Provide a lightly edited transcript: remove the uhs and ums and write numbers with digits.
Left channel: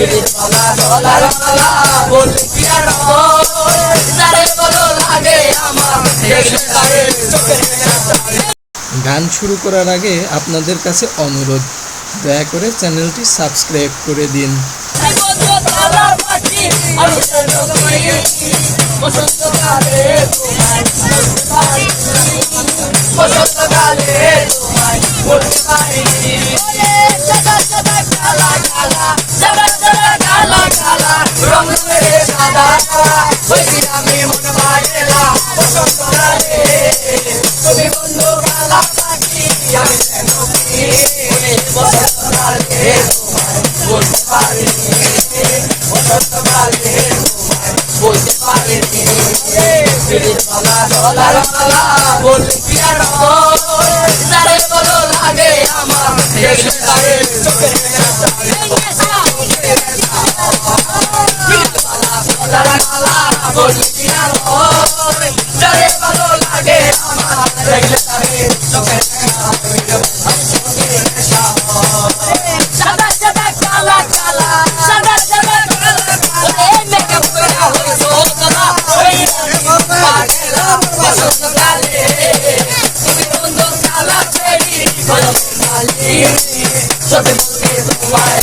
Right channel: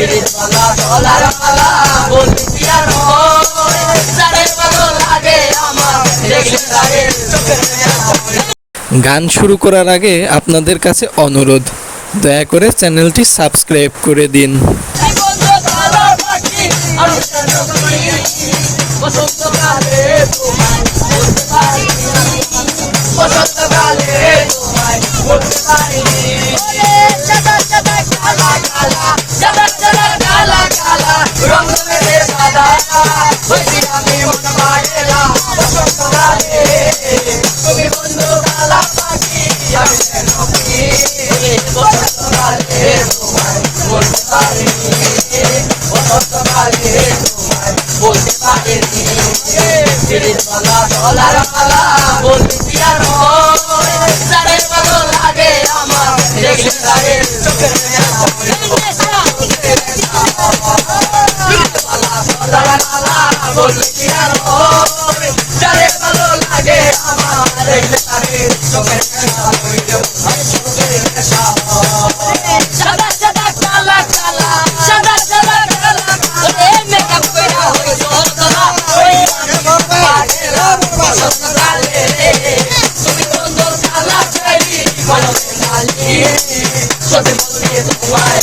দিনের বেলা ডলার মালা বলতে কি আর হয়, যারে ভালো লাগে আমার দেখলে তারে চোখের গান শুরু করার আগে আপনাদের কাছে অনুরোধ, দয়া করে চ্যানেলটি সাবস্ক্রাইব করে দিন। বসন্তকালে তোমায় বলতে পারিনি, বসন্তকালে তোমায় বলতে পারিনি। সাদা সাদা কালা কালা, সাদা সাদা কালা কালা, রং রে সাদা হয়েছি আমি মন মায়েরা বসন্তকালে। তুমি বন্ধু কালা পাখি আমি নকি, বসন্তকালে তোমায় বলতে পারিনি, বসন্তকালে তোমায় বলতে পারিনি। দিনের বেলা ডলার মালা বলতে কি আর হয়, যারে ভালো লাগে আমার দেখলে তারে চোখের বলতে কি আর হয়, যারে ভালো লাগে আমার দেখলে তারে চোখের সাদা সাদা কালা কালা, সাদা সাদা কালা কালা, মেকআপ করা হয়ে সোনা ওই পাগেরা বসন্তকালে। তুমি বন্ধু কালা ফেরি কলমে মালি, সত্যি বলতে তোমায়